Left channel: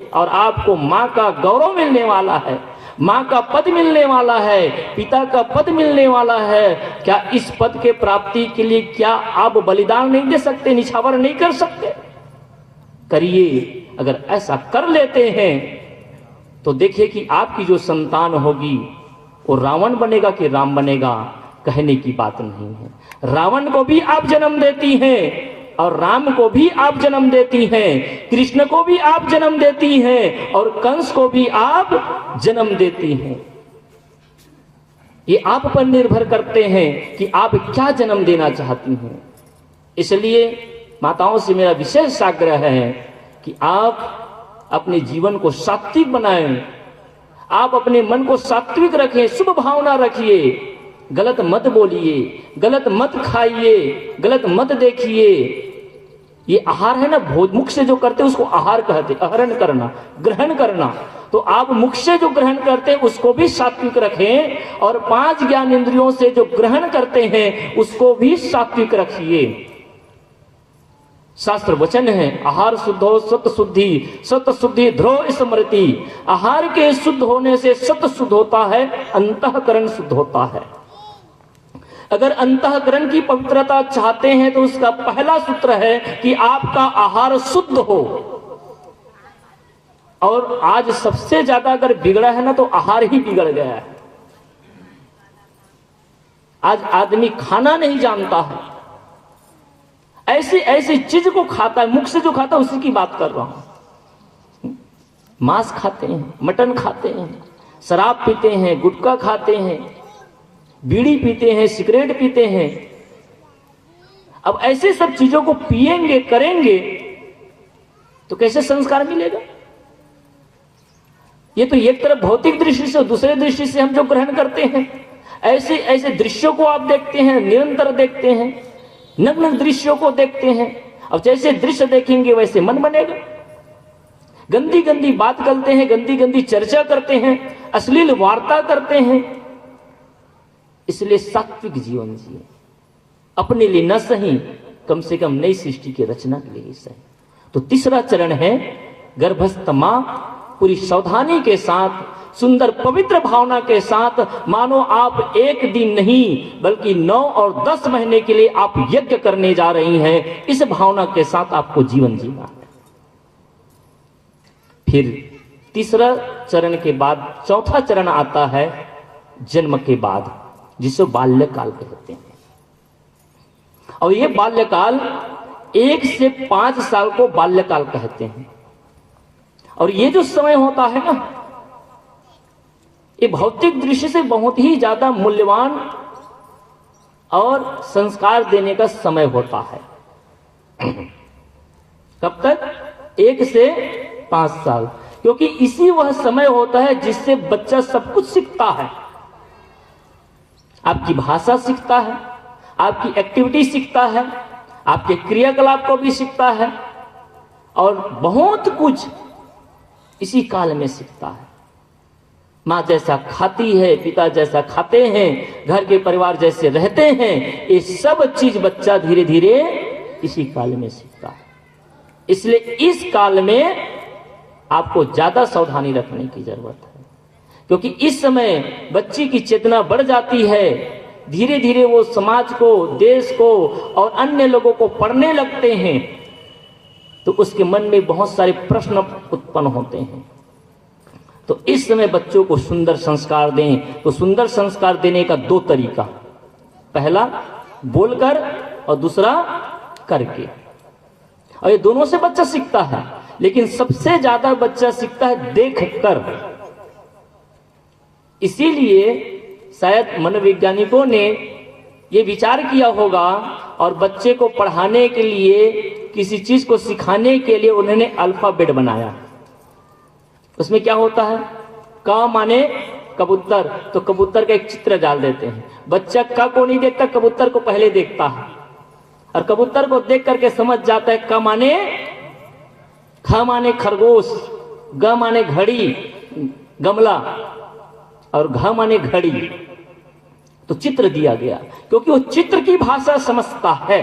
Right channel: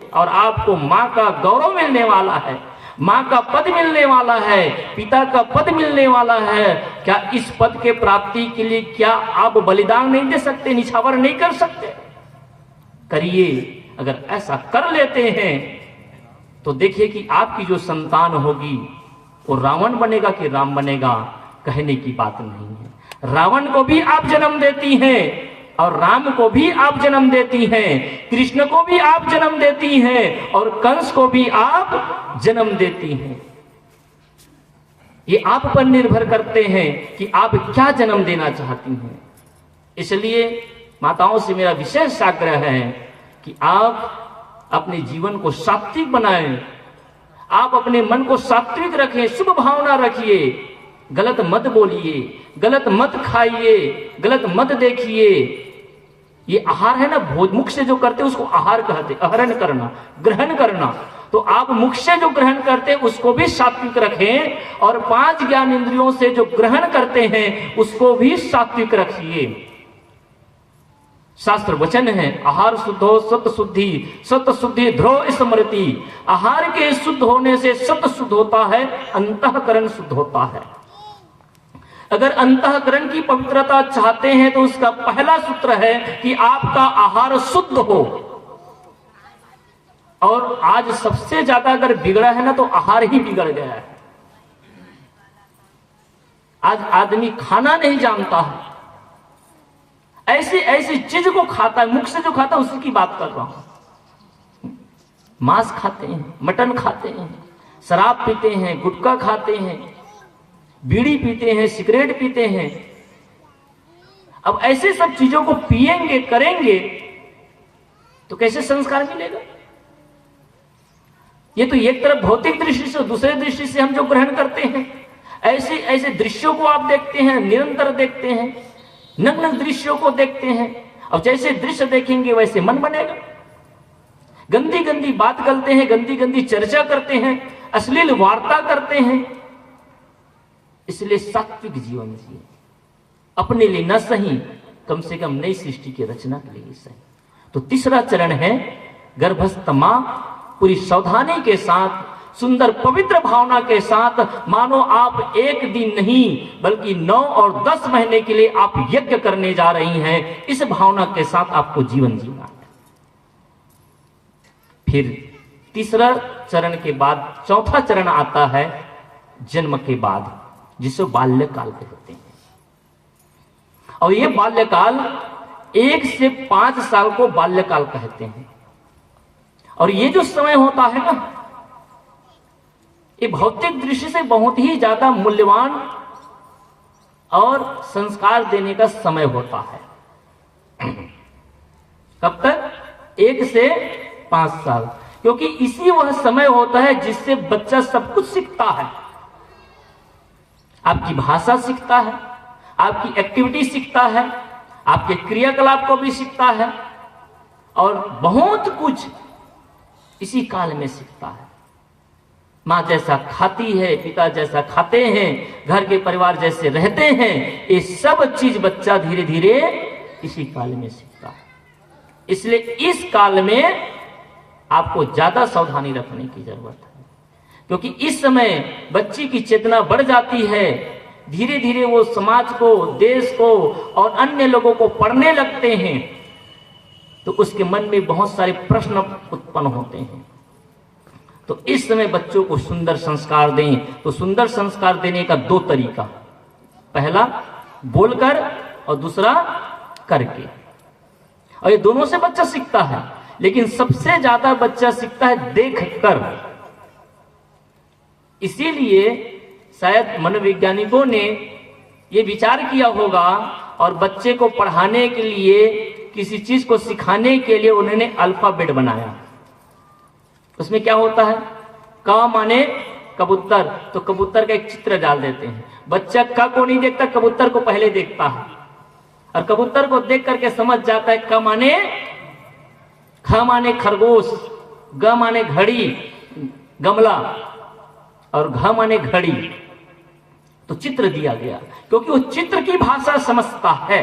और आपको माँ का गौरव मिलने वाला है, माँ का पद मिलने वाला है, पिता का पद मिलने वाला है। क्या इस पद के प्राप्ति के लिए क्या आप बलिदान नहीं दे सकते, निछावर नहीं कर सकते? करिए। अगर ऐसा कर लेते हैं तो देखिए कि आपकी जो संतान होगी वो रावण बनेगा कि राम बनेगा, कहने की बात नहीं है। रावण को भी आप जन्म देती हैं और राम को भी आप जन्म देती हैं, कृष्ण को भी आप जन्म देती हैं और कंस को भी आप जन्म देती हैं। ये आप पर निर्भर करते हैं कि आप क्या जन्म देना चाहती हैं। इसलिए माताओं से मेरा विशेष आग्रह है कि आप अपने जीवन को सात्विक बनाएं, आप अपने मन को सात्विक रखें, शुभ भावना रखिए, गलत मत बोलिए, गलत मत खाइए, गलत मत देखिए। ये आहार है ना, भोज मुख से जो करते हैं उसको आहार कहते, आहरण करना, ग्रहण करना। तो आप मुख से जो ग्रहण करते हैं उसको भी सात्विक रखें और 5 ज्ञान इंद्रियों से जो ग्रहण करते हैं उसको भी सात्विक रखिए। शास्त्र वचन है, आहार शुद्धो सत शुद्धि, सत शुद्धि ध्रुव स्मृति। आहार के शुद्ध होने से सत शुद्ध होता है, अंतःकरण शुद्ध होता है। अगर अंतःकरण की पवित्रता चाहते हैं तो उसका पहला सूत्र है कि आपका आहार शुद्ध हो। और आज सबसे ज्यादा अगर बिगड़ा है ना तो आहार ही बिगड़ गया है। आज आदमी खाना नहीं जानता है, ऐसी ऐसी चीज को खाता है, मुख से जो खाता है उसी की बात कर रहा हूं। मांस खाते हैं, मटन खाते हैं, शराब पीते हैं, गुटखा खाते हैं, बीड़ी पीते हैं, सिगरेट पीते हैं। अब ऐसे सब चीजों को पिएंगे, करेंगे तो कैसे संस्कार मिलेगा? ये तो एक तरफ भौतिक दृष्टि से, दूसरे दृष्टि से हम जो ग्रहण करते हैं, ऐसे ऐसे दृश्यों को आप देखते हैं, निरंतर देखते हैं, नग्न दृश्यों को देखते हैं। अब जैसे दृश्य देखेंगे वैसे मन बनेगा। गंदी गंदी बात करते हैं, गंदी गंदी चर्चा करते हैं, अश्लील वार्ता करते हैं। इसलिए सात्विक जीवन जिए, अपने लिए न सही कम से कम नई सृष्टि की रचना के लिए सही। तो तीसरा चरण है गर्भस्थ मां पूरी सावधानी के साथ, सुंदर पवित्र भावना के साथ, मानो आप एक दिन नहीं बल्कि 9 और 10 महीने के लिए आप यज्ञ करने जा रही हैं। इस भावना के साथ आपको जीवन जीना है। फिर तीसरा चरण के बाद चौथा चरण आता है जन्म के बाद, जिसे बाल्यकाल कहते हैं। और ये बाल्यकाल 1 से 5 साल को बाल्यकाल कहते हैं। और ये जो समय होता है ना, ये भौतिक दृष्टि से बहुत ही ज्यादा मूल्यवान और संस्कार देने का समय होता है। कब तक? 1 से 5 साल, क्योंकि इसी वह समय होता है जिससे बच्चा सब कुछ सीखता है। आपकी भाषा सीखता है, आपकी एक्टिविटी सीखता है, आपके क्रियाकलाप को भी सीखता है और बहुत कुछ इसी काल में सीखता है। माँ जैसा खाती है, पिता जैसा खाते हैं, घर के परिवार जैसे रहते हैं, ये सब चीज बच्चा धीरे धीरे इसी काल में सीखता है। इसलिए इस काल में आपको ज्यादा सावधानी रखने की जरूरत है, क्योंकि इस समय बच्ची की चेतना बढ़ जाती है। धीरे धीरे वो समाज को, देश को और अन्य लोगों को पढ़ने लगते हैं, तो उसके मन में बहुत सारे प्रश्न उत्पन्न होते हैं। तो इस समय बच्चों को सुंदर संस्कार दें। तो सुंदर संस्कार देने का 2 तरीका, पहला बोलकर और दूसरा करके। और ये दोनों से बच्चा सीखता है, लेकिन सबसे ज्यादा बच्चा सीखता है देखकर। इसीलिए शायद मनोवैज्ञानिकों ने ये विचार किया होगा और बच्चे को पढ़ाने के लिए, किसी चीज को सिखाने के लिए उन्होंने अल्फाबेट बनाया। उसमें क्या होता है? क माने कबूतर, तो कबूतर का एक चित्र डाल देते हैं। बच्चा क को नहीं देखता, कबूतर को पहले देखता है और कबूतर को देख करके समझ जाता है क माने, ख माने खरगोश, ग माने घड़ी, गमला और घ माने घड़ी। तो चित्र दिया गया, क्योंकि वो चित्र की भाषा समझता है।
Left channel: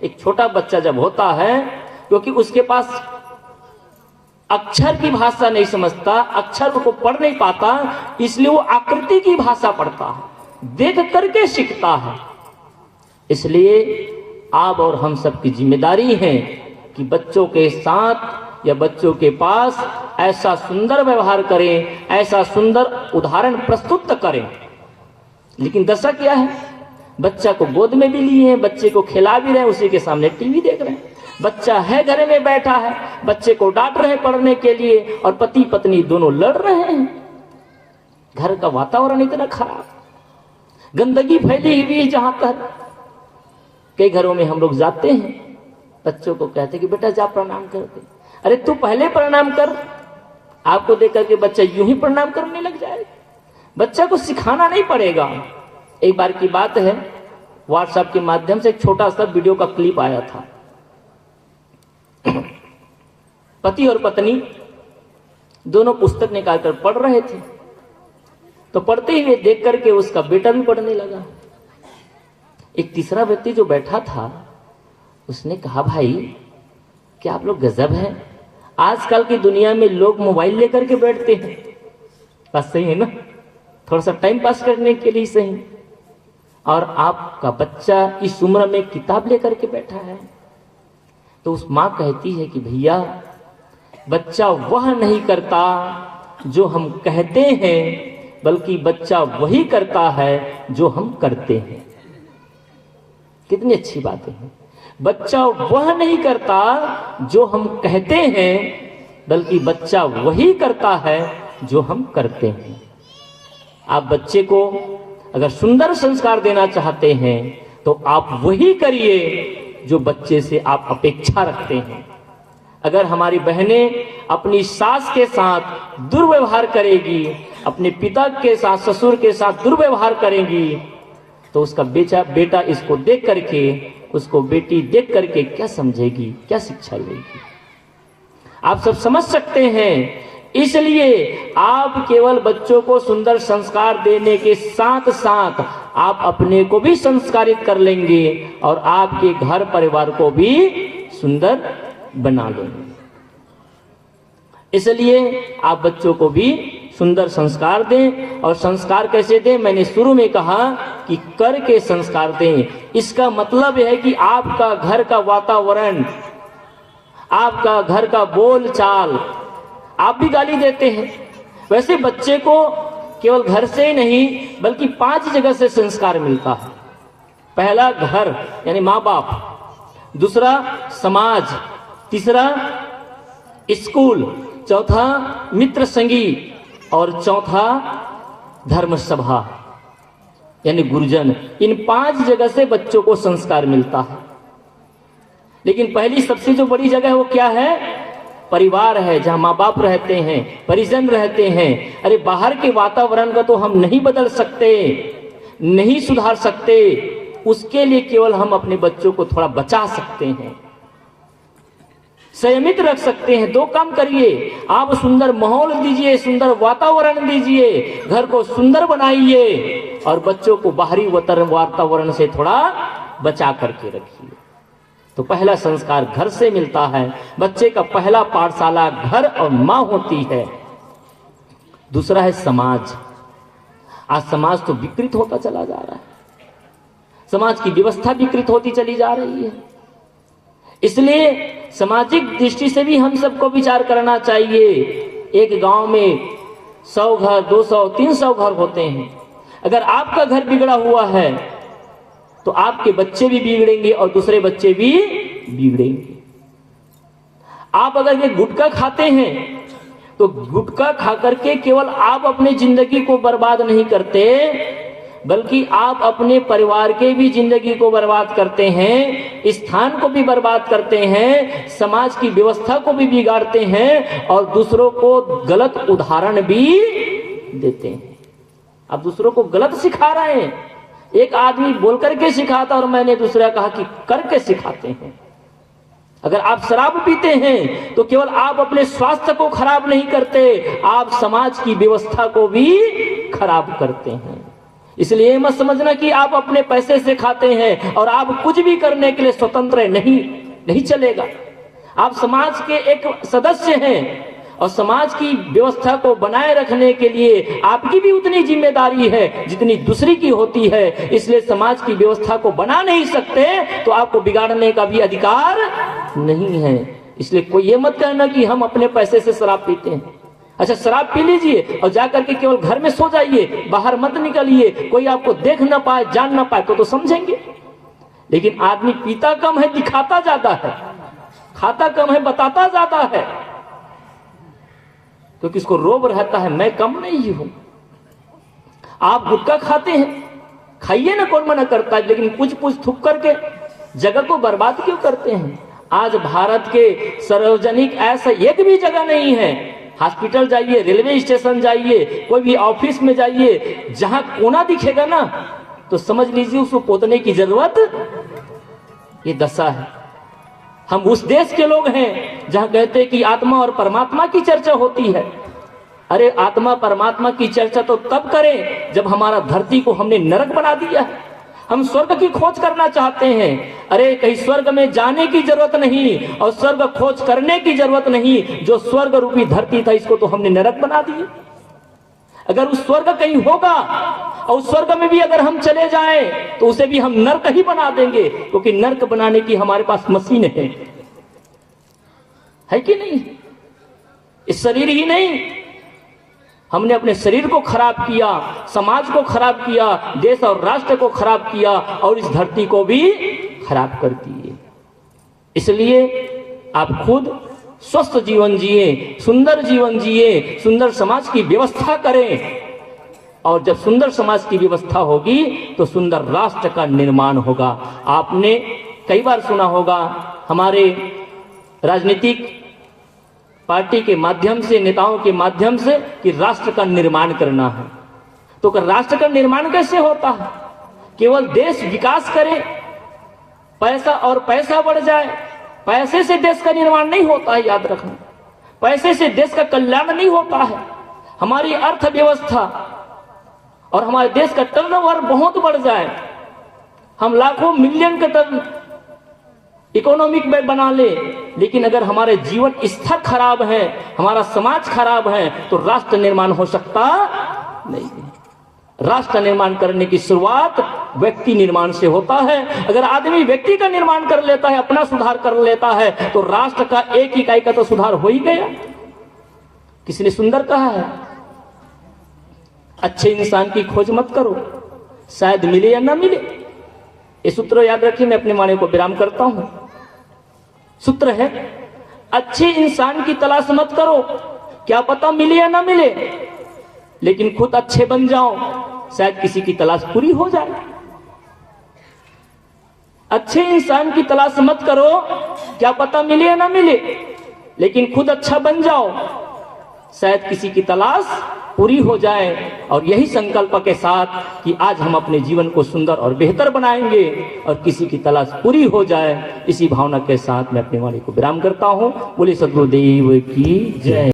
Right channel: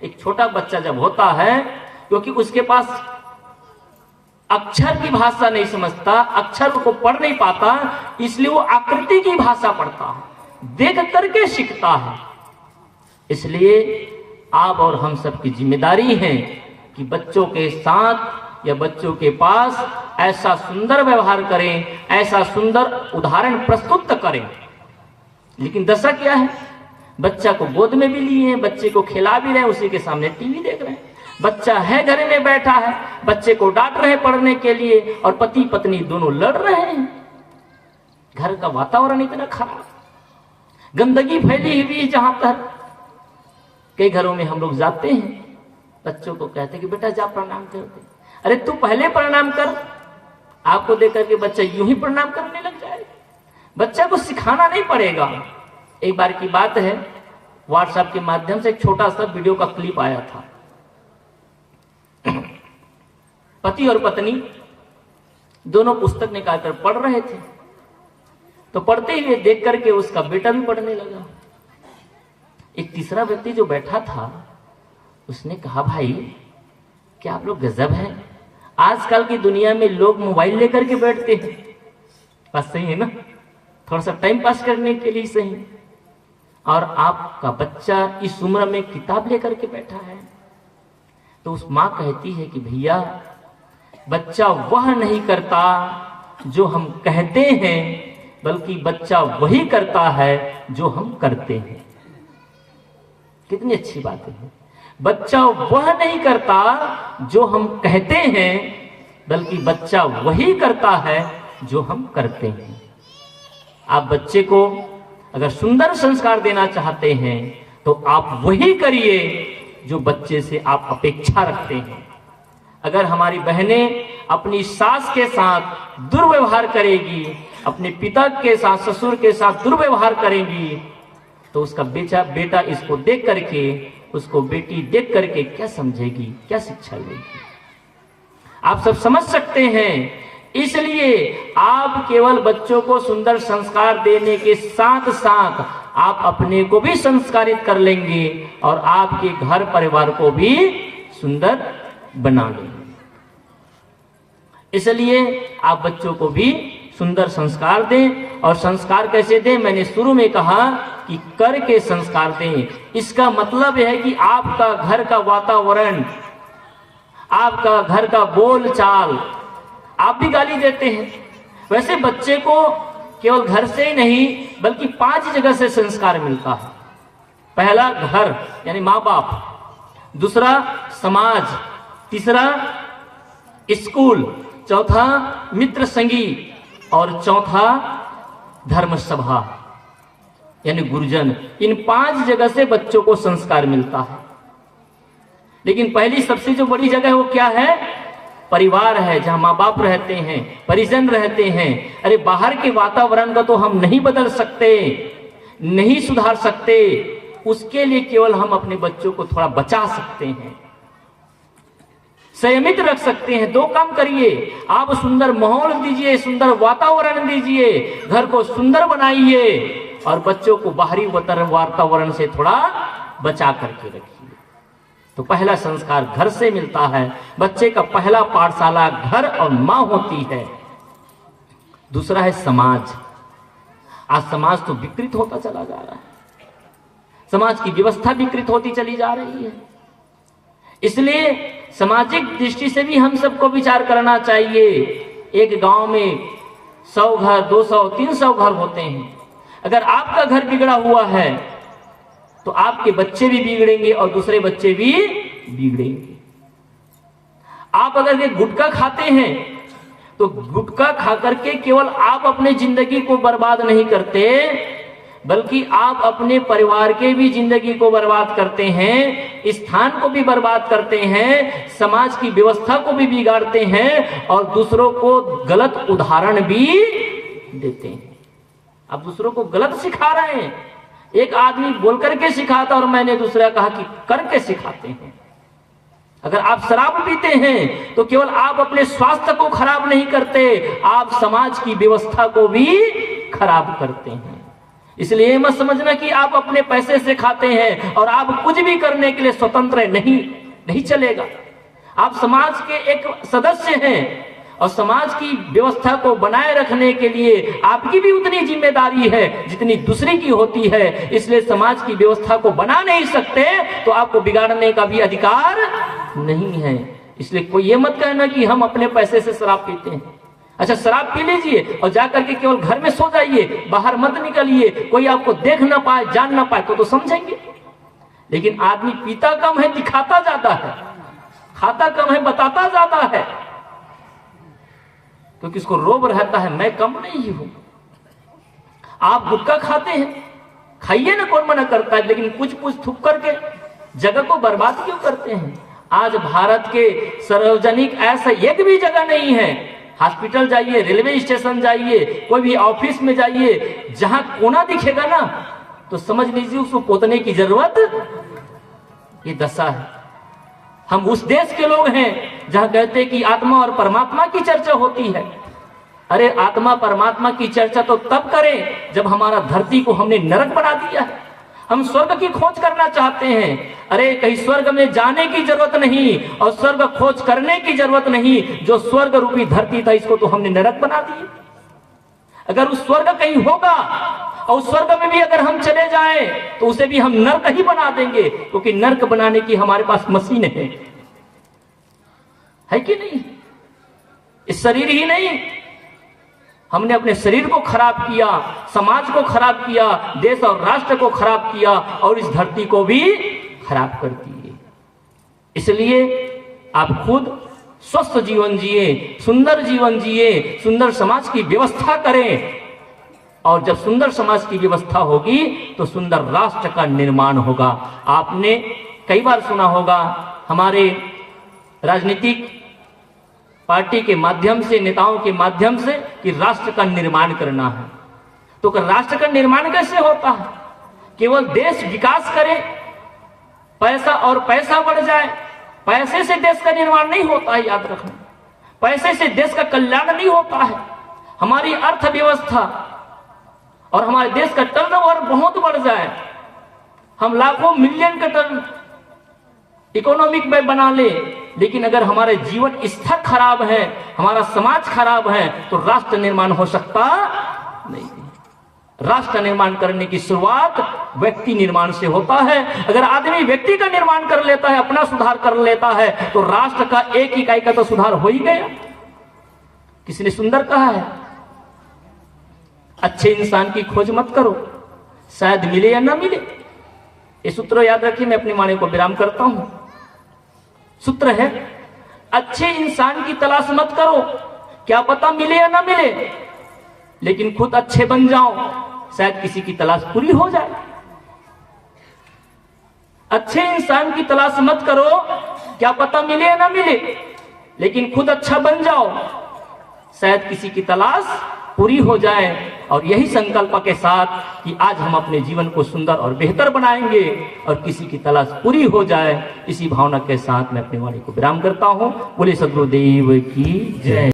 एक छोटा बच्चा जब होता है, क्योंकि उसके पास अक्षर की भाषा नहीं समझता, अक्षर को पढ़ नहीं पाता, इसलिए वो आकृति की भाषा पढ़ता है, देख करके सीखता है। इसलिए आप और हम सबकी जिम्मेदारी है कि बच्चों के साथ या बच्चों के पास ऐसा सुंदर व्यवहार करें, ऐसा सुंदर उदाहरण प्रस्तुत करें। लेकिन दशा क्या है, बच्चा को गोद में भी लिए हैं, बच्चे को खिला भी रहे हैं, उसी के सामने टीवी देख रहे हैं। बच्चा है घर में बैठा है, बच्चे को डांट रहे हैं पढ़ने के लिए, और पति पत्नी दोनों लड़ रहे हैं। घर का वातावरण इतना खराब, गंदगी फैली हुई। जहां तक कई घरों में हम लोग जाते हैं, बच्चों को कहते कि बेटा जा प्रणाम कर दे। अरे तू पहले प्रणाम कर, आपको देख करके बच्चा यूं ही प्रणाम करने लग जाएगा। बच्चा को सिखाना नहीं पड़ेगा। एक बार की बात है, व्हाट्सएप के माध्यम से एक छोटा सा वीडियो का क्लिप आया था। पति और पत्नी दोनों पुस्तक निकालकर पढ़ रहे थे, तो पढ़ते हुए देख करके उसका बेटा भी पढ़ने लगा। एक तीसरा व्यक्ति जो बैठा था, उसने कहा भाई क्या आप लोग गजब हैं, आजकल की दुनिया में लोग मोबाइल लेकर के बैठते हैं। बात सही है ना, थोड़ा सा टाइम पास करने के लिए सही, और आपका बच्चा इस उम्र में किताब लेकर के बैठा है। तो उस मां कहती है कि भैया बच्चा वह नहीं करता जो हम कहते हैं, बल्कि बच्चा वही करता है जो हम करते हैं। कितनी अच्छी बात है। बच्चा वह नहीं करता जो हम कहते हैं, बल्कि बच्चा वही करता है जो हम करते हैं। आप बच्चे को अगर सुंदर संस्कार देना चाहते हैं तो आप वही करिए जो बच्चे से आप अपेक्षा रखते हैं। अगर हमारी बहनें अपनी सास के साथ दुर्व्यवहार करेगी, अपने पिता के साथ, ससुर के साथ दुर्व्यवहार करेंगी, तो उसका बेटा इसको देख करके, उसको बेटी देख करके क्या समझेगी, क्या शिक्षा लेगी। आप सब समझ सकते हैं। इसलिए आप केवल बच्चों को सुंदर संस्कार देने के साथ साथ आप अपने को भी संस्कारित कर लेंगे और आपके घर परिवार को भी सुंदर बना लेंगे। इसलिए आप बच्चों को भी सुंदर संस्कार दें। और संस्कार कैसे दें, मैंने शुरू में कहा कि करके संस्कार दें। इसका मतलब है कि आपका घर का वातावरण, आपका घर का बोल चाल, आप भी गाली देते हैं, वैसे बच्चे को केवल घर से ही नहीं बल्कि 5 जगह से संस्कार मिलता है। पहला घर यानी माँ बाप, दूसरा समाज, तीसरा स्कूल, चौथा मित्र संगी, और चौथा धर्म सभा यानी गुरुजन। इन 5 जगह से बच्चों को संस्कार मिलता है। लेकिन पहली सबसे जो बड़ी जगह है वो क्या है, परिवार है, जहां माँ बाप रहते हैं, परिजन रहते हैं। अरे बाहर के वातावरण को तो हम नहीं बदल सकते, नहीं सुधार सकते, उसके लिए केवल हम अपने बच्चों को थोड़ा बचा सकते हैं, संयमित रख सकते हैं। 2 काम करिए, आप सुंदर माहौल दीजिए, सुंदर वातावरण दीजिए, घर को सुंदर बनाइए और बच्चों को बाहरी वातावरण से थोड़ा बचा करके रखिए। तो पहला संस्कार घर से मिलता है। बच्चे का पहला पाठशाला घर और मां होती है। दूसरा है समाज। आज समाज तो विकृत होता चला जा रहा है, समाज की व्यवस्था विकृत होती चली जा रही है। इसलिए सामाजिक दृष्टि से भी हम सबको विचार करना चाहिए। एक गांव में 100 घर, 200, 300 घर होते हैं। अगर आपका घर बिगड़ा हुआ है तो आपके बच्चे भी बिगड़ेंगे और दूसरे बच्चे भी बिगड़ेंगे। आप अगर ये गुटखा खाते हैं तो गुटखा खा करके केवल आप अपने जिंदगी को बर्बाद नहीं करते, बल्कि आप अपने परिवार के भी जिंदगी को बर्बाद करते हैं, स्थान को भी बर्बाद करते हैं, समाज की व्यवस्था को भी बिगाड़ते हैं और दूसरों को गलत उदाहरण भी देते हैं। आप दूसरों को गलत सिखा रहे हैं। एक आदमी बोल करके सिखाता और मैंने दूसरा कहा कि करके सिखाते हैं। अगर आप शराब पीते हैं तो केवल आप अपने स्वास्थ्य को खराब नहीं करते, आप समाज की व्यवस्था को भी खराब करते हैं। इसलिए मत समझना कि आप अपने पैसे से खाते हैं और आप कुछ भी करने के लिए स्वतंत्र नहीं चलेगा। आप समाज के एक सदस्य हैं और समाज की व्यवस्था को बनाए रखने के लिए आपकी भी उतनी जिम्मेदारी है जितनी दूसरे की होती है। इसलिए समाज की व्यवस्था को बना नहीं सकते तो आपको बिगाड़ने का भी अधिकार नहीं है। इसलिए कोई ये मत कहना कि हम अपने पैसे से शराब पीते हैं। अच्छा, शराब पी लीजिए और जाकर के केवल घर में सो जाइए, बाहर मत निकलिए, कोई आपको देख ना पाए, जान ना पाए तो समझेंगे। लेकिन आदमी पीता कम है, दिखाता ज्यादा है, खाता कम है, बताता ज्यादा है, तो किसको रोब रहता है मैं कम नहीं हूं। आप गुटखा खाते हैं, खाइए ना, कौन मना करता है, लेकिन कुछ कुछ थूक करके जगह को बर्बाद क्यों करते हैं। आज भारत के सार्वजनिक ऐसा एक भी जगह नहीं है, हॉस्पिटल जाइए, रेलवे स्टेशन जाइए, कोई भी ऑफिस में जाइए, जहां कोना दिखेगा ना तो समझ लीजिए उसको पोतने की जरूरत, ये दशा है। हम उस देश के लोग हैं जहां कहते हैं कि आत्मा और परमात्मा की चर्चा होती है। अरे आत्मा परमात्मा की चर्चा तो तब करें जब हमारा धरती को हमने नरक बना दिया है। हम स्वर्ग की खोज करना चाहते हैं। अरे कहीं स्वर्ग में जाने की जरूरत नहीं और स्वर्ग खोज करने की जरूरत नहीं, जो स्वर्ग रूपी धरती था इसको तो हमने नरक बना दिया। अगर उस स्वर्ग कहीं होगा और उस स्वर्ग में भी अगर हम चले जाएं तो उसे भी हम नर्क ही बना देंगे, क्योंकि नर्क बनाने की हमारे पास मशीन है कि नहीं। इस शरीर ही नहीं, हमने अपने शरीर को खराब किया, समाज को खराब किया, देश और राष्ट्र को खराब किया और इस धरती को भी खराब कर दिए। इसलिए आप खुद स्वस्थ जीवन जिए, सुंदर जीवन जिए, सुंदर समाज की व्यवस्था करें। और जब सुंदर समाज की व्यवस्था होगी तो सुंदर राष्ट्र का निर्माण होगा। आपने कई बार सुना होगा हमारे राजनीतिक पार्टी के माध्यम से, नेताओं के माध्यम से कि राष्ट्र का निर्माण करना है। तो राष्ट्र का निर्माण कैसे होता है? केवल देश विकास करे, पैसा और पैसा बढ़ जाए, पैसे से देश का निर्माण नहीं होता है, याद रखना। पैसे से देश का कल्याण नहीं होता है। हमारी अर्थव्यवस्था और हमारे देश का टर्नओवर बहुत बढ़ जाए, हम लाखों मिलियन का टर्न इकोनॉमिक में बना ले, लेकिन अगर हमारे जीवन स्तर खराब है, हमारा समाज खराब है, तो राष्ट्र निर्माण हो सकता नहीं। राष्ट्र निर्माण करने की शुरुआत व्यक्ति निर्माण से होता है। अगर आदमी व्यक्ति का निर्माण कर लेता है, अपना सुधार कर लेता है, तो राष्ट्र का एक इकाई का तो सुधार हो ही गया। किसी ने सुंदर कहा है, अच्छे इंसान की खोज मत करो, शायद मिले या ना मिले। ये सूत्र याद रखिए। मैं अपने वाणी को विराम करता हूं। सूत्र है, अच्छे इंसान की तलाश मत करो, क्या पता मिले या ना मिले, लेकिन खुद अच्छे बन जाओ, शायद किसी की तलाश पूरी हो जाए। अच्छे इंसान की तलाश मत करो, क्या पता मिले या ना मिले, लेकिन खुद अच्छा बन जाओ, शायद किसी की तलाश पूरी हो जाए। और यही संकल्प के साथ कि आज हम अपने जीवन को सुंदर और बेहतर बनाएंगे और किसी की तलाश पूरी हो जाए, इसी भावना के साथ मैं अपने वाणी को विराम करता हूं। बोले सद्गुरुदेव की जय।